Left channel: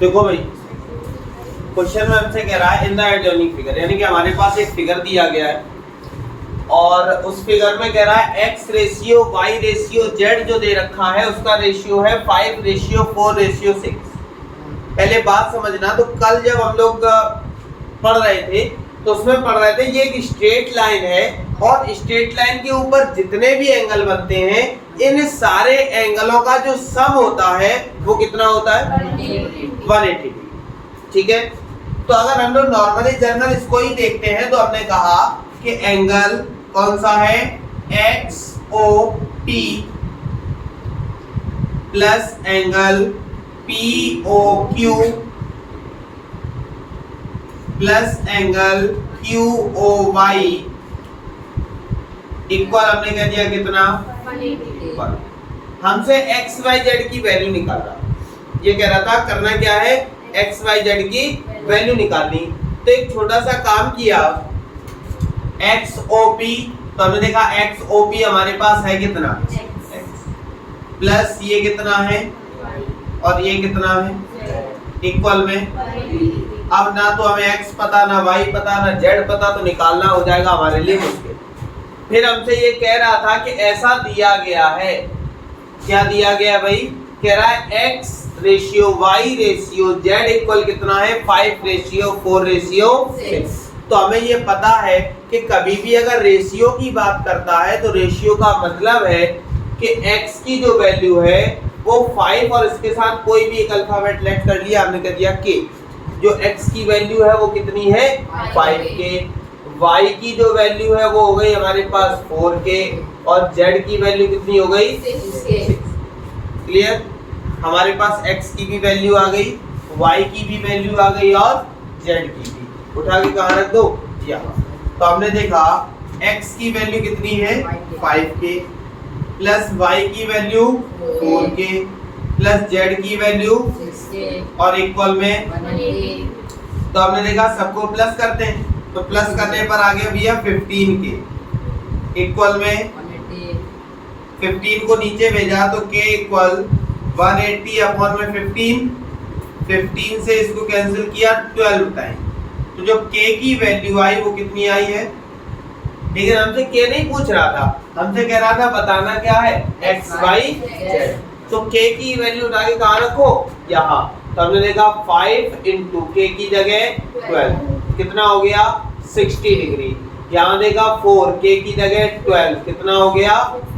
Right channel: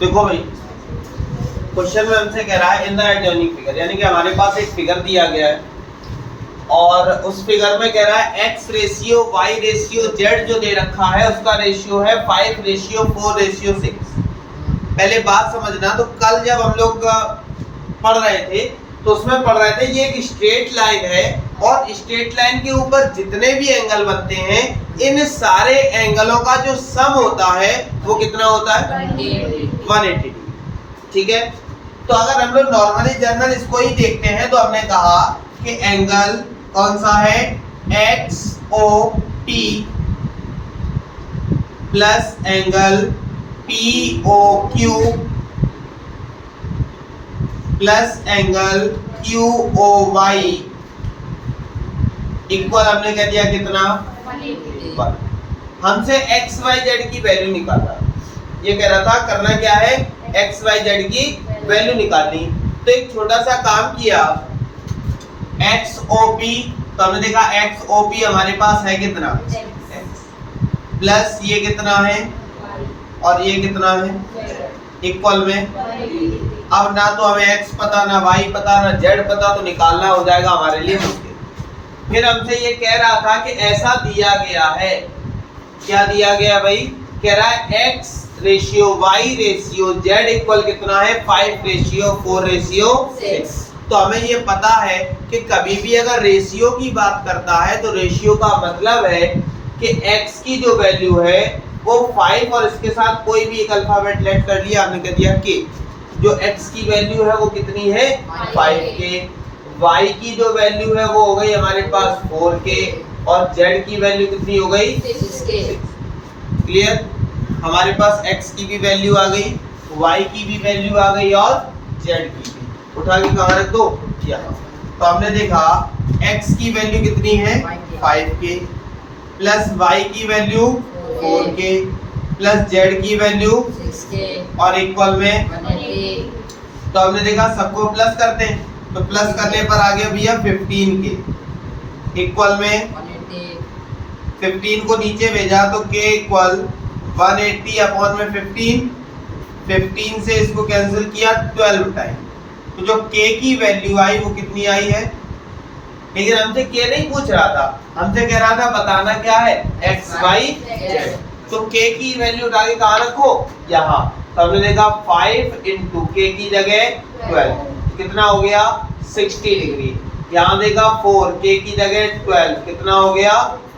देखो भाई क्वेश्चन में हमसे कह रहा है इन द आइडियोनिक फिगर, यानी कि हमारे पास एक फिगर दिया गया है और उस फिगर में कह रहा है x ratio y ratio z जो दे रखा है उसका रेशियो है 5:4:6। पहले बात समझना, तो कल जब हम लोग पढ़ रहे थे तो उसमें पढ़ रहे थे ये एक स्ट्रेट लाइन है और स्ट्रेट लाइन के ऊपर जितने भी एंगल बनते हैं इन सारे एंगलों का जो सम होता है वो कितना होता है 180 डिग्री। ठीक है, तो अगर हम लोग नॉर्मली जनरल इसको ही देखते हैं तो हमने कहा कि एंगल कौन सा है XOP plus angle POQ plus angle QOY equal हमने कह दिया कितना 1। हमसे XYZ की वैल्यू निकालना, ये कह रहा था करना क्या है XYZ की वैल्यू निकालनी। तो एक छोटा सा काम किया XOP, तो हमने देखा XOP हमारे पास है कितना प्लस ये कितना है और ये कितना है इक्वल में। अब ना तो हमें x पता ना y पता ना z पता, तो निकालना हो जाएगा हमारे लिए मुश्किल। फिर हमसे ये कह रहा था कि ऐसा दिया गया है, क्या दिया गया भाई, कह रहा है x ratio y ratio z equal कितना है 5:4:6। तो हमें ये पता है कि कभी भी अगर रेशियो की बात करता है तो रेशियो का मतलब है कि x की जो वैल्यू है वो 5 और इसके साथ कोई भी एक अल्फाबेट लेट कर लिया, हमने कह दिया k। जो x की वैल्यू है वो कितनी है 5k, y की जो वैल्यू है वो हो गई हमारे पास 4k और z की वैल्यू कितनी हो गई 6। क्लियर, हमारे पास x की भी वैल्यू आ गई, y की भी वैल्यू आ गई और z की भी। उठा के कहाँ रख दो यहाँ। तो हमने देखा x की वैल्यू कितनी है 5k प्लस y की वैल्यू 4k प्लस z की वैल्यू 6k और इक्वल में। तो हमने देखा सबको प्लस करते हैं, तो प्लस करने पर आ गया भैया 15k इक्वल में 15 को नीचे भेजा तो k इक्वल 180 अपॉन में 15 से इसको कैंसिल किया 12 टाइम। तो जो k की वैल्यू आई वो कितनी आई है, लेकिन हमसे k नहीं पूछ रहा था, हमसे कह रहा था बताना क्या है XYZ। तो k की वैल्यू उठा के कहाँ रखो यहाँ। तो हमने देखा 5 इंटू k की जगह 12 कितना हो गया 60 डिग्री। यहाँ देखा 4 k की जगह 12 कितना हो गया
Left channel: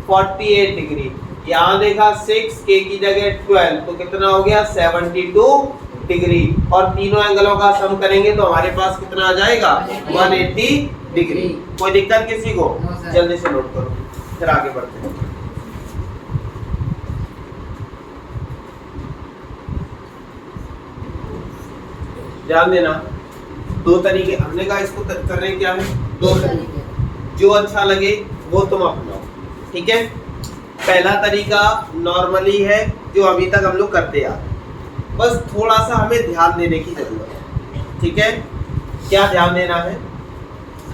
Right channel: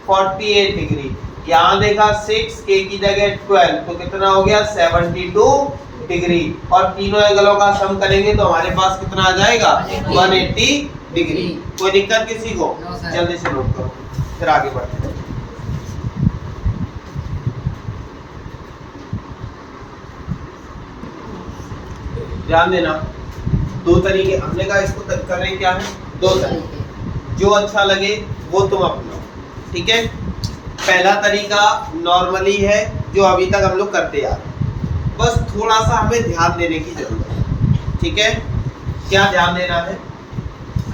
48 डिग्री। यहाँ देखा 6 k की जगह 12 तो कितना हो गया 72 डिग्री। और तीनों एंगलों का सम करेंगे तो हमारे पास कितना आ जाएगा 180 डिग्री। कोई दिक्कत किसी को? जल्दी से नोट करो फिर आगे बढ़ते हैं। ध्यान देना, दो तरीके हमने कहा इसको कर रहे हैं, क्या है दो तरीके, जो अच्छा लगे वो तुम अपनाओ। ठीक है, पहला तरीका नॉर्मली है जो अभी तक हम लोग करते आ रहे हैं, बस थोड़ा सा हमें ध्यान देने की जरूरत है। ठीक है, क्या ध्यान देना है,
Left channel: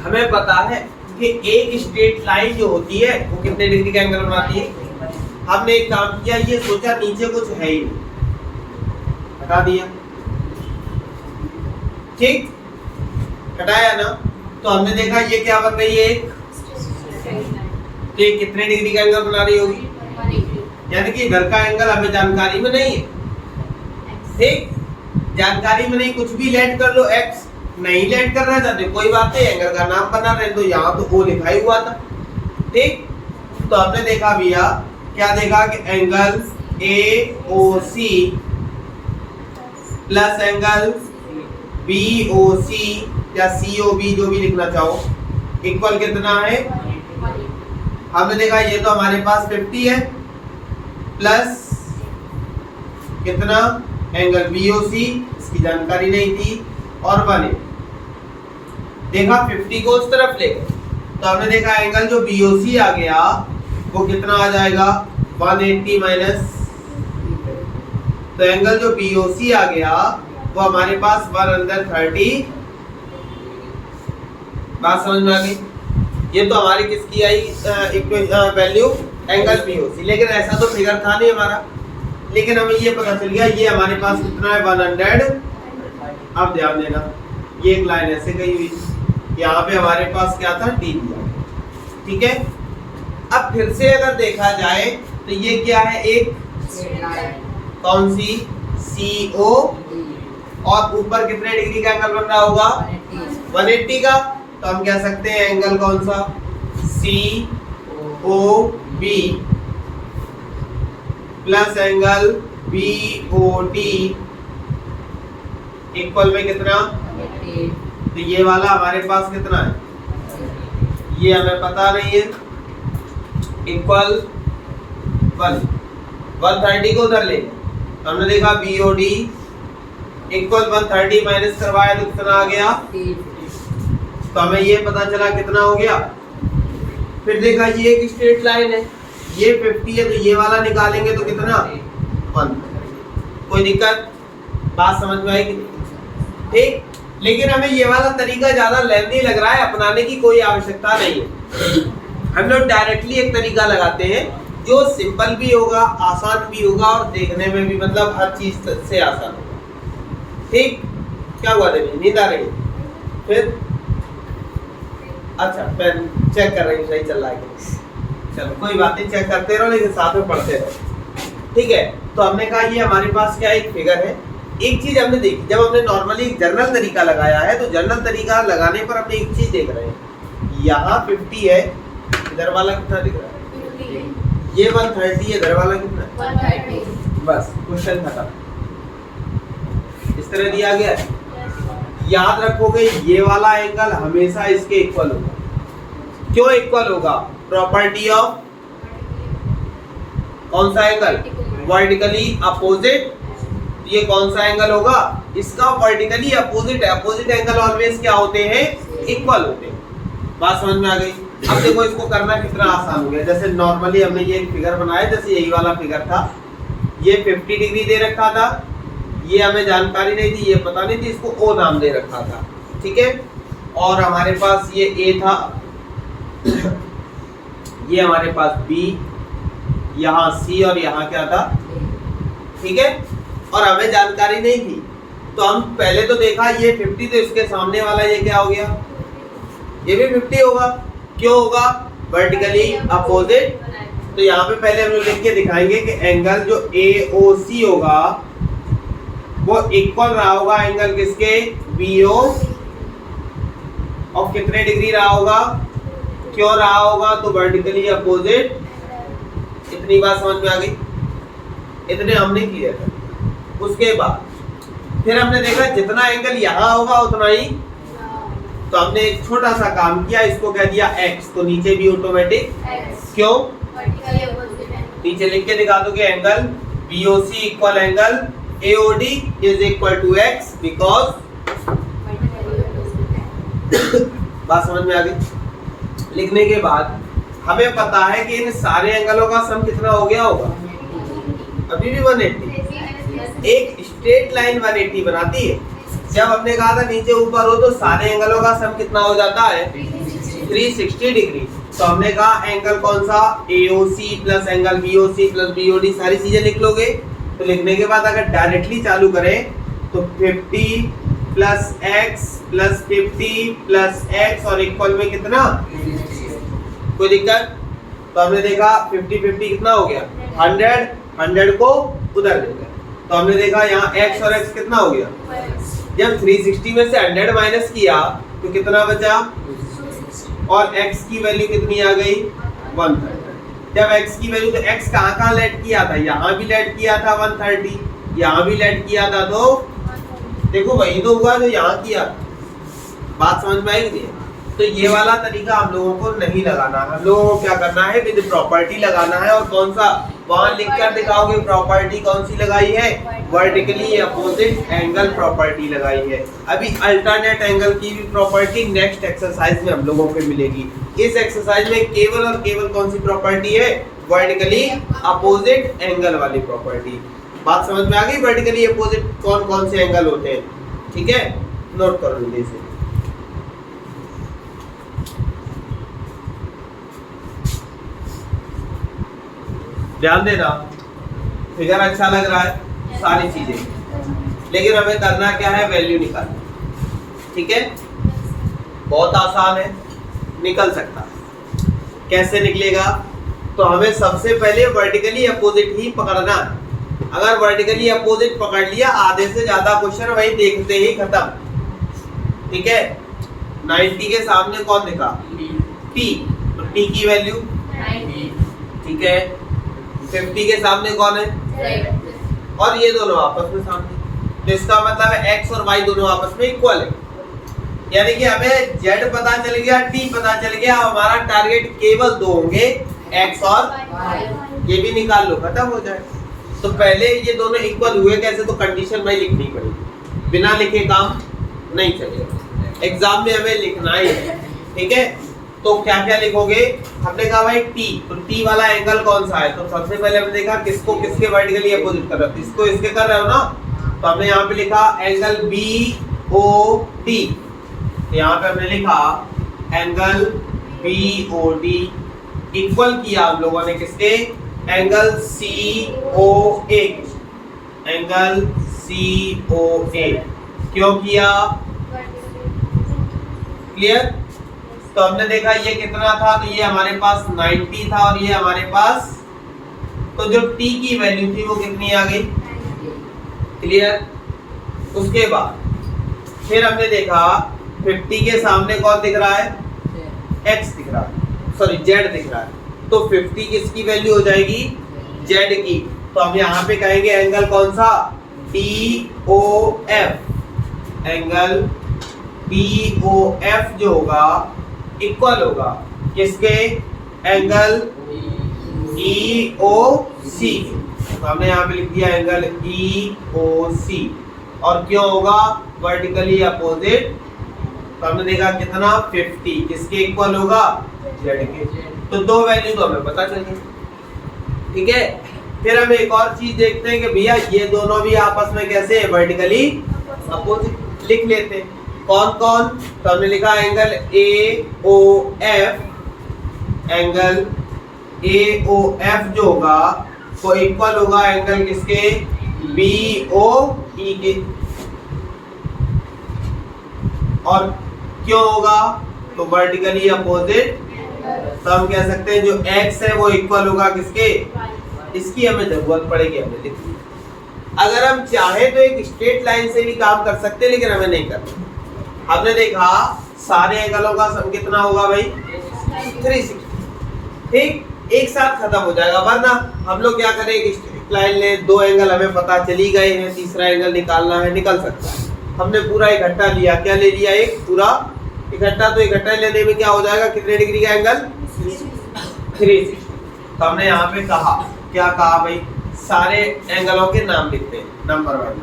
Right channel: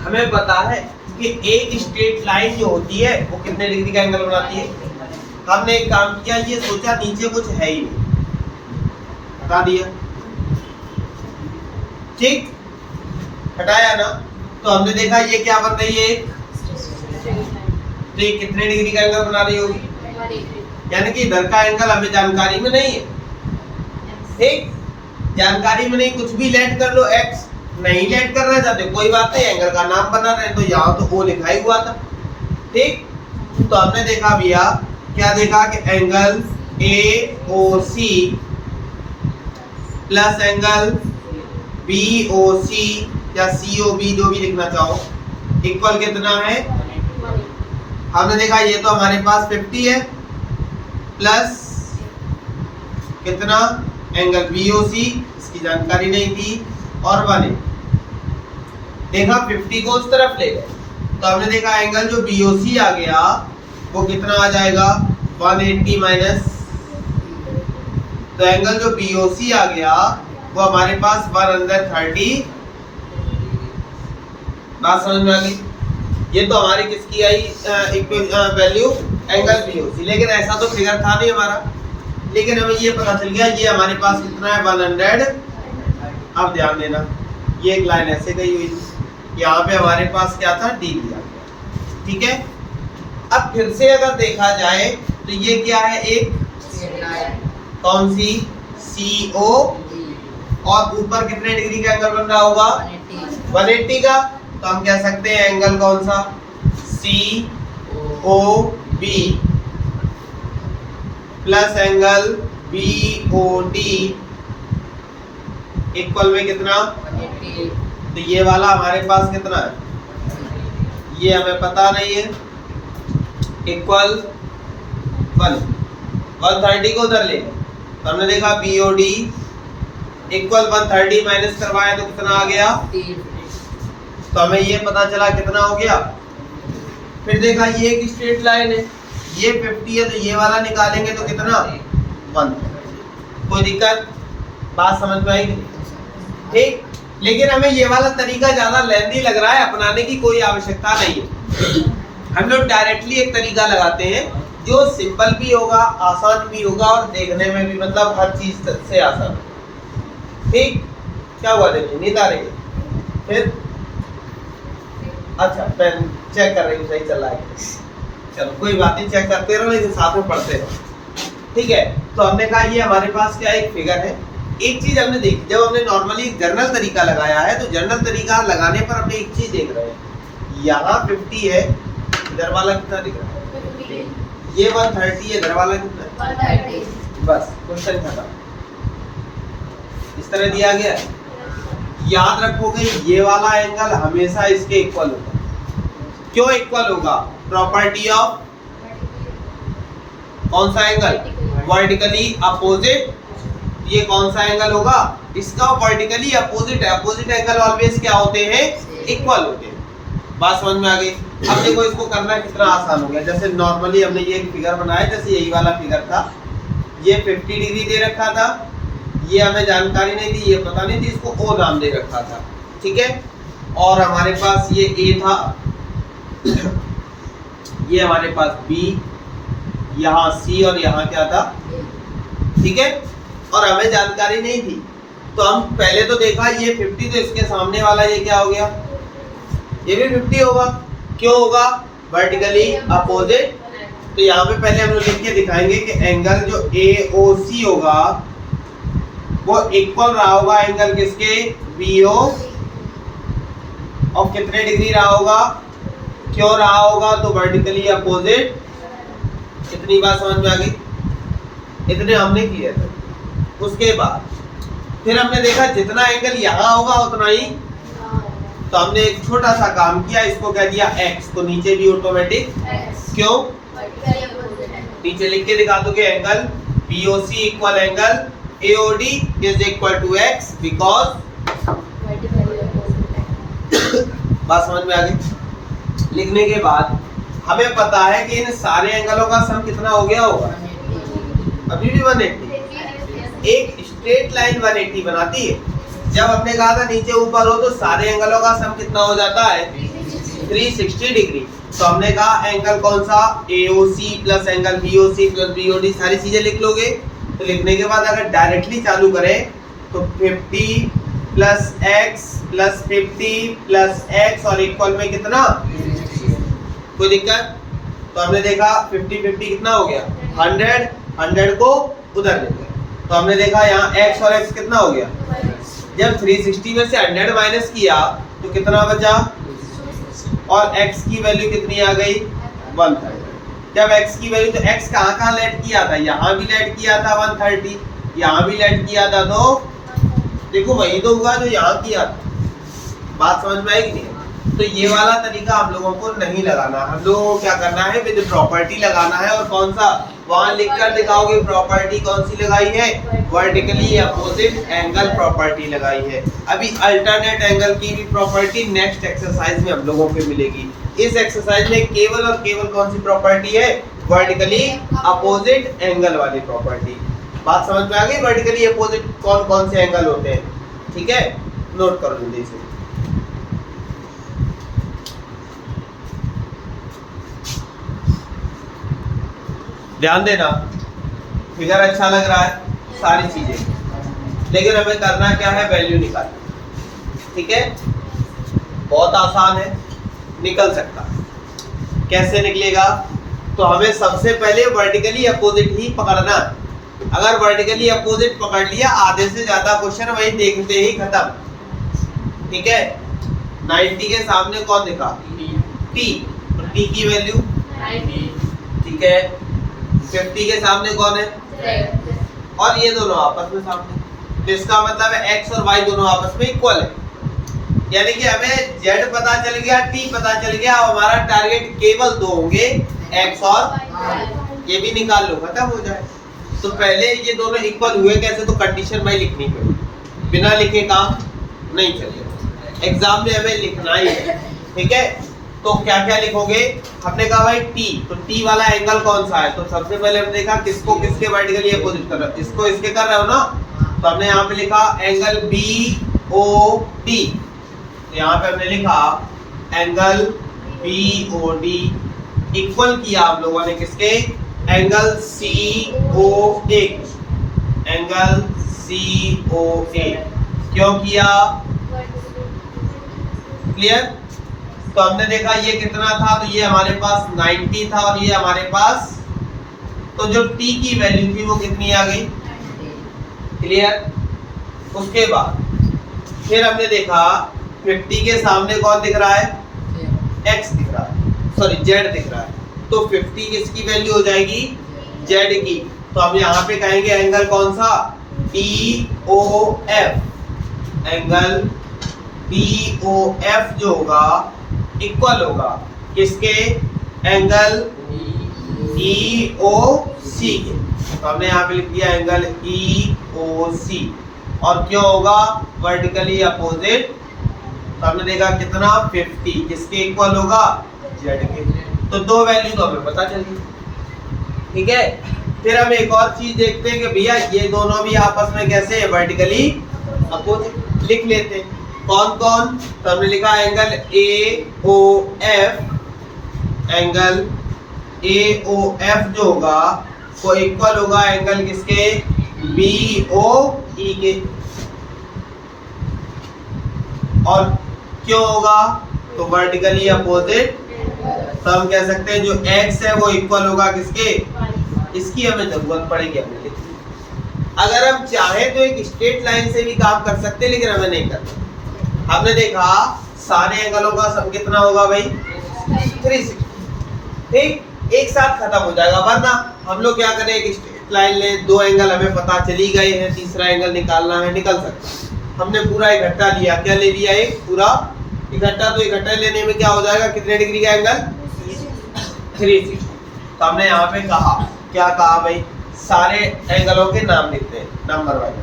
हमें पता है कि एक स्ट्रेट लाइन जो होती है वो कितने डिग्री का एंगल बनाती है। हमने एक काम किया, ये सोचा नीचे कुछ है ही नहीं, हटा दिया, ठीक हटाया ना। तो हमने देखा ये क्या बन रही है, तो ये कितने डिग्री का एंगल बना रही होगी, यानी कि इधर का एंगल हमें जानकारी में नहीं है। ठीक, जानकारी में नहीं, कुछ भी लेट कर लो, x नहीं लेट करना चाहते कोई बात नहीं, एंगल का नाम बना रहे तो यहाँ तो O लिखा ही हुआ था। ठीक, तो हमने देखा भैया क्या देखा कि angle AOC plus angle BOC या COB जो भी लिखना चाहो इक्वल कितना है। हमने देखा ये तो हमारे पास 50 है प्लस कितना एंगल BOC, इसकी जानकारी नहीं थी, और 1 देखा 50 को उस तरफ ले गए तो हमने देखा एंगल जो BOC आ गया वो कितना आ जाएगा 180 माइनस। तो एंगल जो BOC आ गया वो हमारे पास 130। बात समझ में आ गई? ये तो हमारी किसकी आई वैल्यू एंगल BOC, लेकिन ऐसा तो फिगर था नहीं हमारा, लेकिन हमें ये पता चल गया ये हमारे पास कितना है 100। अब ध्यान देना ये एक लाइन ऐसे गई हुई थी, यहाँ पे हमारे पास क्या था डी दिया, ठीक है। अब फिर से अगर देखा जाए तो ये क्या है, एक कौन सी CO और ऊपर कितने डिग्री का एंगल बन रहा होगा 180 का, तो हम कह सकते हैं एंगल कौन सा COB plus angle BOD equal में कितना, तो ये वाला हमारे पास कितना है, ये हमें पता नहीं है, इक्वल 130 को उधर ले, तो हमने देखा BOD इक्वल 130 माइनस करवाया तो कितना आ गया, तो हमें ये पता चला कितना हो गया। फिर देखा ये एक स्ट्रेट लाइन है, ये 50 है तो ये वाला निकालेंगे तो कितना 1। कोई दिक्कत, बात समझ में आएगी, ठीक। लेकिन हमें ये वाला तरीका ज्यादा लेंथी लग रहा है, अपनाने की कोई आवश्यकता नहीं है। हम लोग डायरेक्टली एक तरीका लगाते हैं जो सिंपल भी होगा, आसान भी होगा और देखने में भी मतलब हर चीज से आसान होगा, ठीक। क्या हुआ देखिए नींद आ रही है, फिर अच्छा मैं चेक कर रही हूँ सही चल रहा है, चलो कोई बात नहीं, चेक करते रहो लेकिन साथ में पढ़ते रहो, ठीक है। तो हमने कहा ये हमारे पास क्या एक फिगर है। एक चीज हमने देखी, जब हमने नॉर्मली जनरल तरीका लगाया है तो जनरल तरीका लगाने पर हमने एक चीज देख रहे हैं, यहाँ 50 है, इधर वाला कितना दिख रहा है, ये 130 है, इधर वाला कितना है 130। बस क्वेश्चन खत्म, इस तरह दिया गया है। याद रखोगे ये वाला एंगल हमेशा इसके इक्वल होगा। क्यों इक्वल होगा, प्रॉपर्टी ऑफ कौन सा एंगल, वर्टिकली अपोजिट। ये कौन सा एंगल होगा, इसका वर्टिकली अपोजिट है। अपोजिट एंगल ऑलवेज क्या होते हैं, इक्वल होते हैं। बात समझ में आ गई। अब देखो इसको करना कितना आसान हो गया। जैसे नॉर्मली हमने ये एक फिगर बनाया, जैसे यही वाला फिगर था, ये 50 डिग्री दे रखा था, ये हमें जानकारी नहीं थी, ये पता नहीं थी, इसको O नाम दे रखा था, ठीक है। और हमारे पास ये A था, ये हमारे पास B, यहाँ C और यहाँ क्या था, ठीक है। और हमें जानकारी नहीं थी तो हम पहले तो देखा ये 50, तो इसके सामने वाला ये क्या हो गया, ये भी 50 होगा। क्यों होगा, वर्टिकली अपोजिट। तो यहाँ पे पहले हम लोग लिख के दिखाएंगे कि एंगल जो AOC होगा वो इक्वल रहा होगा एंगल किसके, BO, और कितने डिग्री रहा होगा, क्यों रहा होगा, तो वर्टिकली अपोजिट। इतनी बात समझ में आ गई, इतने हमने किए थे। उसके बाद फिर हमने देखा जितना एंगल यहाँ होगा उतना ही, तो हमने एक छोटा सा काम किया, इसको कह दिया x, तो नीचे भी ऑटोमेटिक। क्यों, नीचे लिख के दिखा दूं कि angle BOC equal angle AOD is equal to x, because बात समझ में आ गई। लिखने के बाद हमें पता है कि इन सारे एंगलों का सम कितना हो गया होगा, अभी भी 180। एक स्ट्रेट लाइन 180 बनाती है। जब हमने कहा था नीचे ऊपर हो तो सारे एंगलों का सम कितना हो जाता है, 360 डिग्री। तो हमने कहा एंगल कौन सा, AOC plus angle BOC plus BOD, सारी चीजें लिख लोगे। तो लिखने के बाद अगर डायरेक्टली चालू करें तो 50 plus x plus 50 plus x और इक्वल में कितना, कोई दिक्कत। तो हमने देखा 50-50 कितना हो गया 100, 100 को उधर ले गए। तो हमने देखा यहाँ x और x कितना हो गया, जब 360 में से 100 माइनस किया तो कितना बचा, और x की वैल्यू कितनी आ गई 130। जब x की वैल्यू, तो x कहाँ लेट किया था, यहाँ भी लेट किया था 130, यहाँ भी लेट किया था, तो देखो वही तो हुआ जो यहाँ किया। बात समझ में आएगी नहीं। तो ये वाला तरीका हम लोगों को नहीं लगाना, हम लोगों को क्या करना है, विद प्रॉपर्टी लगाना है। और कौन सा, वहां लिख कर दिखाओगे प्रॉपर्टी कौन सी लगाई है, वर्टिकली अपोजिट एंगल प्रॉपर्टी लगाई है। अभी अल्टरनेट एंगल की भी प्रॉपर्टी नेक्स्ट एक्सरसाइज में हम लोगों को मिलेगी। इस एक्सरसाइज में केवल और केवल कौन सी प्रॉपर्टी है, वर्टिकली अपोजिट एंगल वाली प्रॉपर्टी। बात समझ में आ गई, वर्टिकली अपोजिट कौन कौन से एंगल होते हैं, ठीक है, नोट कर लीजिए इसे। ध्यान देना, फिगर अच्छा लग रहा है, सारी चीजें, लेकिन हमें करना क्या है, वैल्यू निकालना। ठीक है, बहुत आसान है, निकल सकता है। कैसे निकलेगा? तो हमें सबसे पहले वर्टिकली अपोजिट ही पकड़ना। अगर वर्टिकली अपोजिट पकड़ लिया, आधे से ज्यादा क्वेश्चन वही देखते ही खत्म। ठीक है, 90 के सामने कौन दिखा? t, तो t की वैल्यू 90। ठीक है, 50 के सामने कौन है? और ये दोनों आपस में सामने, तो इसका मतलब है x और y दोनों आपस में इक्वल है। यानी कि हमें z पता चल गया, t पता चल गया, अब हमारा टारगेट केवल दो होंगे, x और y। ये भी निकाल लो, खत्म हो जाए। तो पहले ये दोनों इक्वल हुए कैसे, तो कंडीशन भाई लिखनी पड़ेगी, बिना लिखे काम नहीं चलेगा। एग्जाम में हमें लिखना ही है। ठीक है, तो क्या क्या लिखोगे? हमने कहा भाई t, तो t वाला एंगल कौन सा है? तो सबसे पहले हमने देखा किसको किसके वर्टिकली अपोजिट कर रहे हो, इसको इसके कर रहे हो ना, तो हमने यहाँ पे लिखा एंगल BOD। तो यहाँ पे हमने लिखा एंगल BOD इक्वल किया हम लोगों ने किसके? Angle COA, angle COA। क्यों किया? क्लियर? तो हमने देखा ये कितना था, तो ये हमारे पास 90 था और ये हमारे पास, तो जो t की वैल्यू थी वो कितनी आ गई? क्लियर? उसके बाद फिर हमने देखा 50 के सामने कौन दिख रहा है? x दिख रहा है, सॉरी z दिख रहा है, तो 50 किसकी वैल्यू हो जाएगी? z की। तो हम यहाँ पे कहेंगे एंगल कौन सा? BOF, एंगल BOF जो होगा इक्वल होगा किसके? एंगल EOC के। तो हमने यहाँ पे लिख दिया एंगल EOC, और क्यों होगा? Vertically opposite. तो हमने देखा कितना? 50, किसके इक्वल होगा? z के। तो दो वैल्यू तो हमें पता चल गई। ठीक है, फिर हम एक और चीज देखते हैं कि भैया ये दोनों भी आपस में कैसे वर्टिकली अपोजिट, लिख लेते हैं। कौन कौन? तो हमने लिखा एंगल AOF, एंगल AOF जो होगा वो इक्वल होगा एंगल किसके? BOE के। और क्यों होगा? तो वर्टिकली अपोजिट। तो हम कह सकते हैं जो x है वो इक्वल होगा किसके? इसकी हमें जरूरत पड़ेगी, हमने लिख लिया। अगर हम चाहे तो एक स्ट्रेट लाइन से भी काम कर सकते हैं, लेकिन हमें नहीं करना। हमने देखा सारे एंगलों का सम कितना होगा भाई? 360। ठीक, एक साथ खत्म हो जाएगा, वरना हम लोग क्या करें, एक स्ट्रेट लाइन ले, दो एंगल हमें पता चली गए हैं, तीसरा एंगल निकालना है, निकल सकता है। हमने पूरा इकट्ठा लिया, क्या ले लिया? एक पूरा इकट्ठा। तो इकट्ठा लेने में क्या हो जाएगा? कितने डिग्री का एंगल? 360। तो हमने यहाँ पे कहा, क्या कहा भाई? सारे एंगलों के नाम लिखते हैं नंबर वाइज।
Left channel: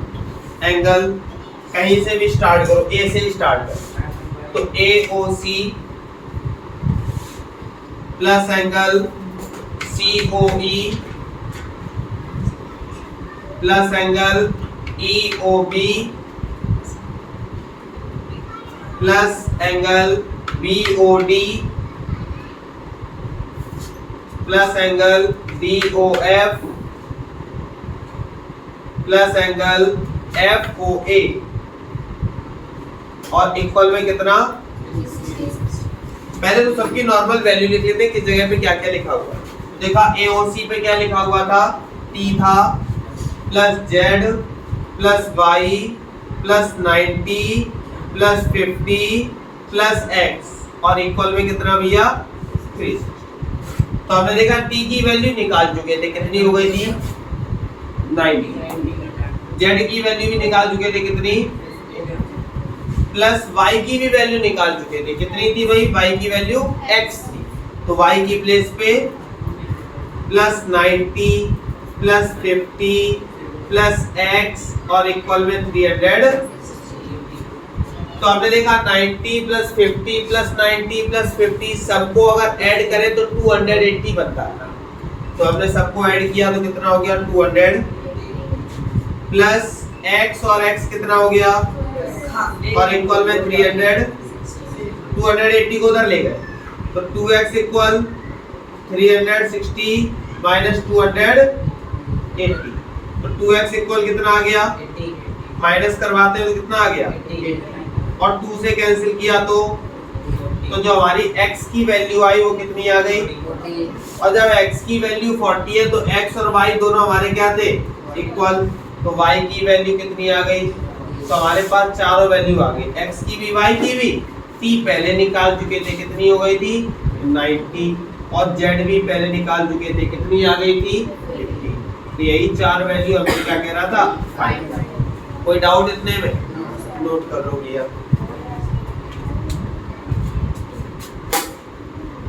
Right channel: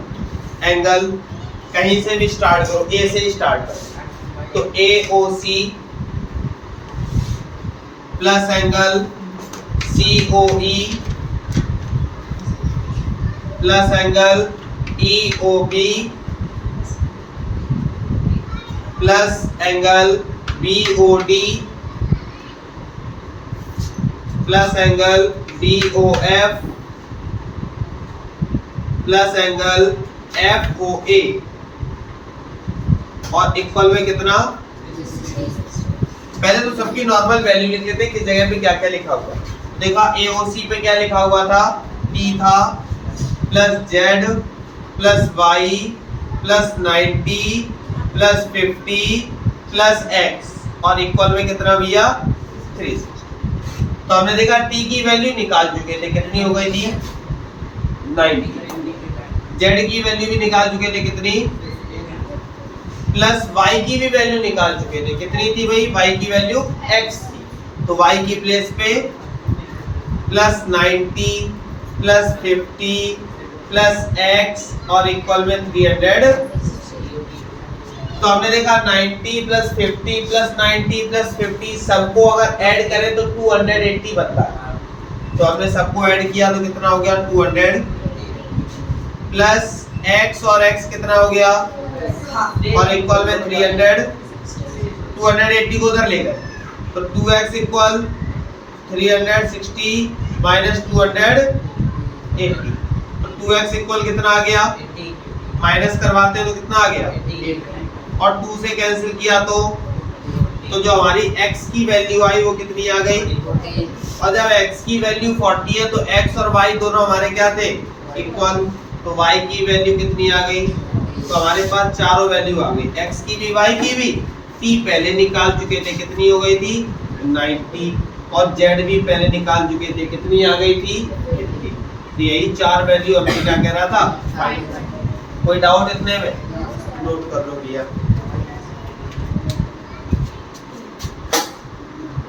एंगल कहीं से भी स्टार्ट करो, ए से ही स्टार्ट करो, तो AOC plus angle COE plus angle EOB plus angle BOD plus angle DOF plus angle FOA, और इक्वल में कितना? पहले तो सबकी नॉर्मल वैल्यू लिख लेते हैं, किस जगह पे क्या क्या लिखा हुआ। देखा AOC पे क्या लिखा हुआ था? T था, plus Z plus Y plus 90 plus 50 plus X, और इक्वल में कितना भैया? 3। तो हमने देखा T की वैल्यू निकाल चुके थे, कितनी हो गई थी? 90। Z की वैल्यू भी निकाल चुके थे, कितनी? प्लस y की भी वैल्यू निकाल चुके थे, कितनी थी भाई? y की वैल्यू x थी, तो y की प्लेस पे प्लस 90 प्लस 50 प्लस x और इक्वल में 300। तो हमने देखा 90 प्लस 50 प्लस 90 प्लस 50 सबको अगर ऐड करें तो 280 बनता है। तो हमने सबको ऐड किया तो कितना हो गया? 200 प्लस x, और x कितना हो गया? और इक्वल में 300। 280 को उधर ले गए, तो 2x equal 360 minus 280, 2x equal कितना आ गया, माइनस करवाते हैं तो कितना आ गया, और 2 से कैंसिल किया तो जो हमारी x की वैल्यू आई वो कितनी आ गई, और जब x की वैल्यू 40 है तो x और y दोनों हमारे क्या थे, इक्वल, तो y की वैल्यू कितनी आ गई, तो हमारे पास चारों वैल्यू आ गई, x की भी y की भी, t पहले निकाल चुके थे कितनी हो गई थी 90, और z भी पहले निकाल चुके थे कितनी आ गई थी 50। तो यही चार वैल्यू हमने क्या कह रहा था, कोई डाउट इतने में, नोट कर लो भैया।